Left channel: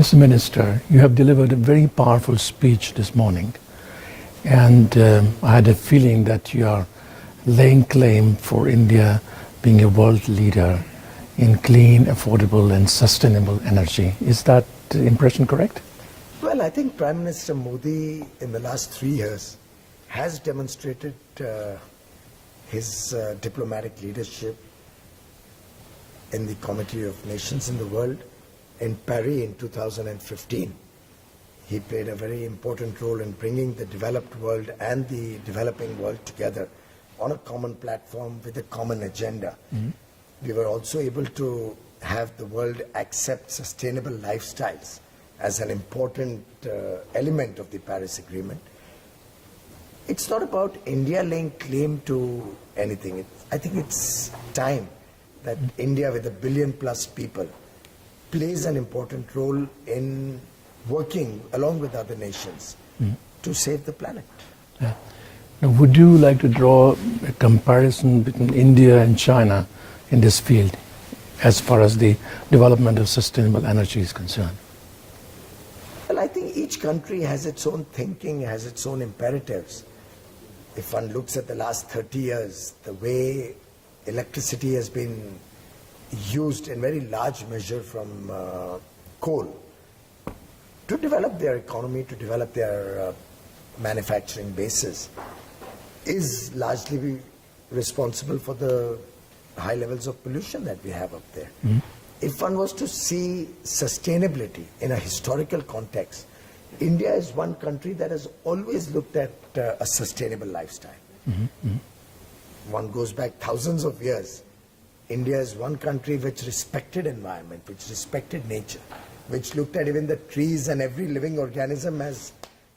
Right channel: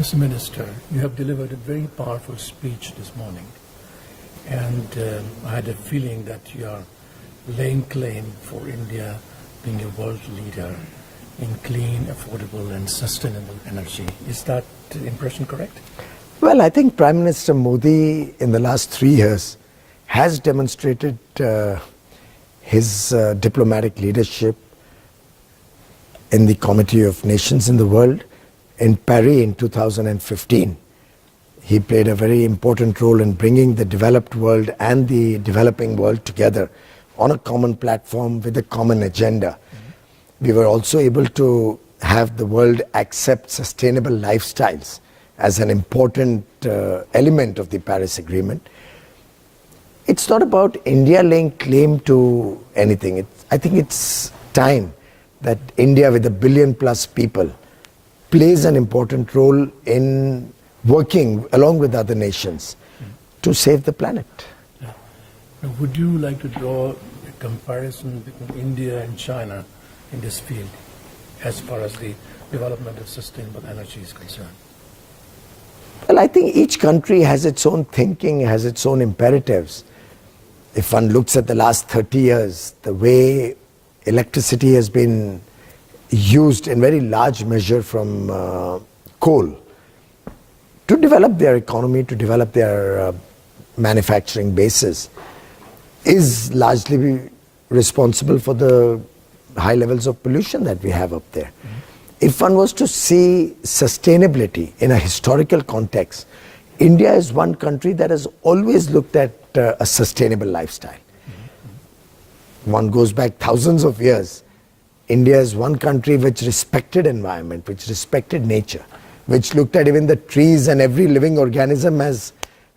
Mr. Minister, you have delivered a very powerful speech this morning, and I had a feeling that you are laying claim for India being a world leader in clean, affordable and sustainable energy. Is that impression correct? Well, I think Prime Minister Modi in the last 3 years has demonstrated his diplomatic leadership in the Committee of Nations in the World. In Paris in 2015, he played a very important role in bringing the developed world and the developing world together on a common platform with a common agenda. We were also able to have the world accept sustainable lifestyles as an important element of the Paris Agreement. It's not about India laying claim to anything. I think it's time that India, with 1 billion plus people, plays an important role in working along with other nations to save the planet. Yeah. Now, would you like to draw a comparison between India and China in this field as far as the development of sustainable energy is concerned? Well, I think each country has its own thinking, has its own imperatives. If one looks at the last 30 years, the way electricity has been used in very large measure from coal to develop their economy, to develop their manufacturing bases, is largely responsible for the high levels of pollution that we have up there. If one was to see sustainability in a historical context, India is one country that has always looked at a sustainable lifestyle. One goes back thousands of years. India is one country which respected environment, which respected nature, which looked at even the trees and every living organism as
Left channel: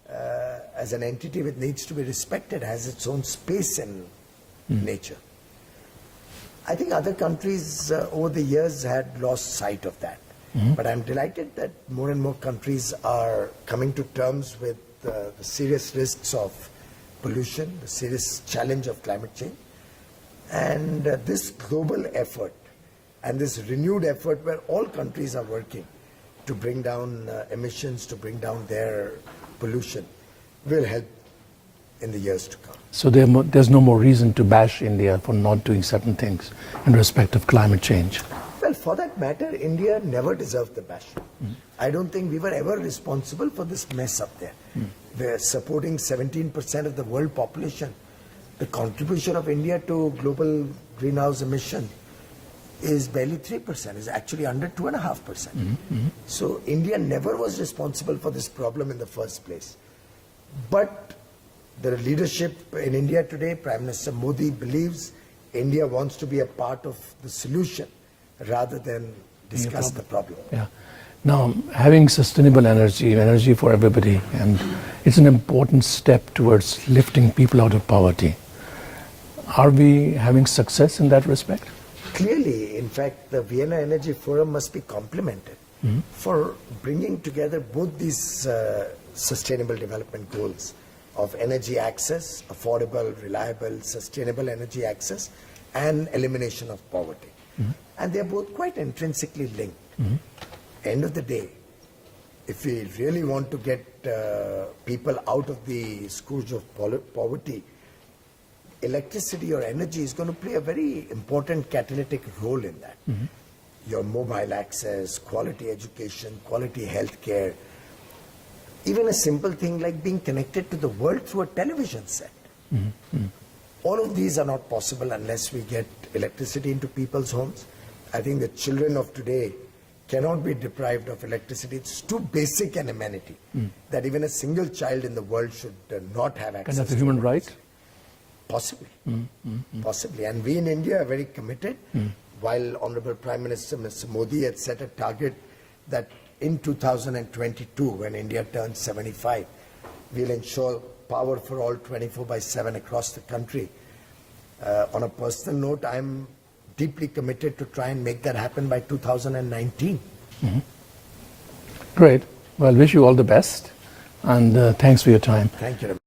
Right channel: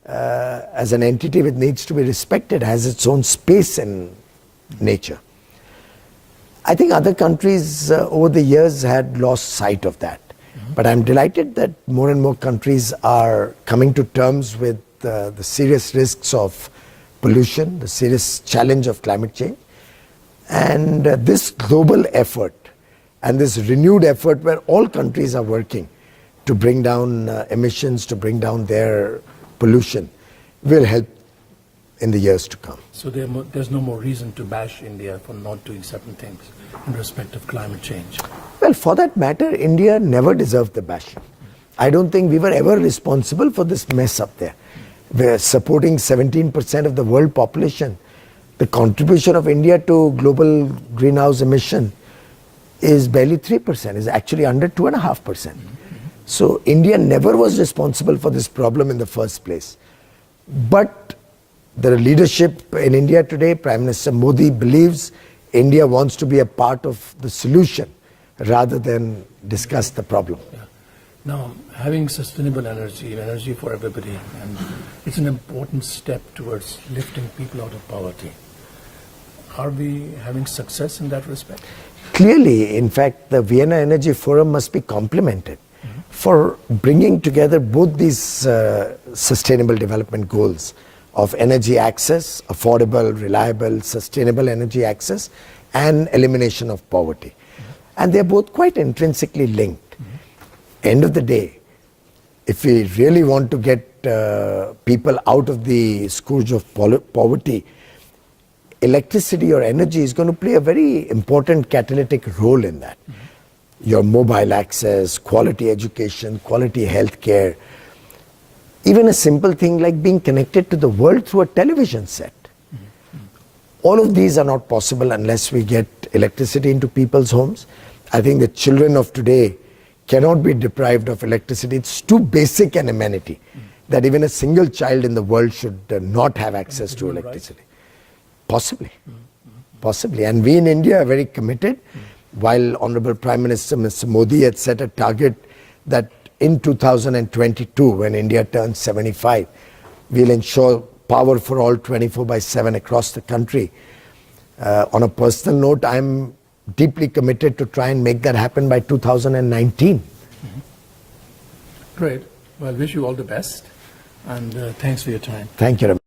an entity which needs to be respected, has its own space in nature. I think other countries over the years had lost sight of that. But I'm delighted that more and more countries are coming to terms with the serious risks of pollution, the serious challenge of climate change. And this global effort and this renewed effort where all countries are working to bring down emissions, to bring down their pollution, will help in the years to come. So there's no more reason to bash India for not doing certain things in respect of climate change? Well, for that matter, India never deserved the bashing. I don't think we were ever responsible for this mess up there. We're supporting 17% of the world population. The contribution of India to global greenhouse emission is barely 3%, is actually under 2.5%. So India never was responsible for this problem in the first place. But the leadership in India today, Prime Minister Modi believes India wants to be a part of the solution rather than discuss the problem. Yeah. Now, having sustainable energy for everybody, and it's an important step towards lifting people out of poverty. Are we having success in that respect? Clearly, in fact, the Vienna Energy Forum must be complimented for bringing together both these sustainable development goals of energy access, affordable, reliable, sustainable energy access, and elimination of poverty. And they're both quite intrinsically linked. End of the day, if we really want to get people out of the scourge of poverty, electricity or energy is going to play a very important catalytic role in that. Your mobile access, quality education, quality healthcare, even a simple thing like being connected to the world through a television set. All of these are not possible unless we get electricity into people's homes. I think the children of today cannot be deprived of electricity. It's too basic an amenity that even a single child in the world should not have access to electricity. Possibly, possibly. And we in India are very committed. While Honorable Prime Minister Mr. Modi had set a target that in 2022, when India turns 75, we'll ensure power for all 24/7 across the country. On a personal note, I'm deeply committed to try and make that happen by 2019. Great. Well, wish you all the best, and thanks for your time. Thank you.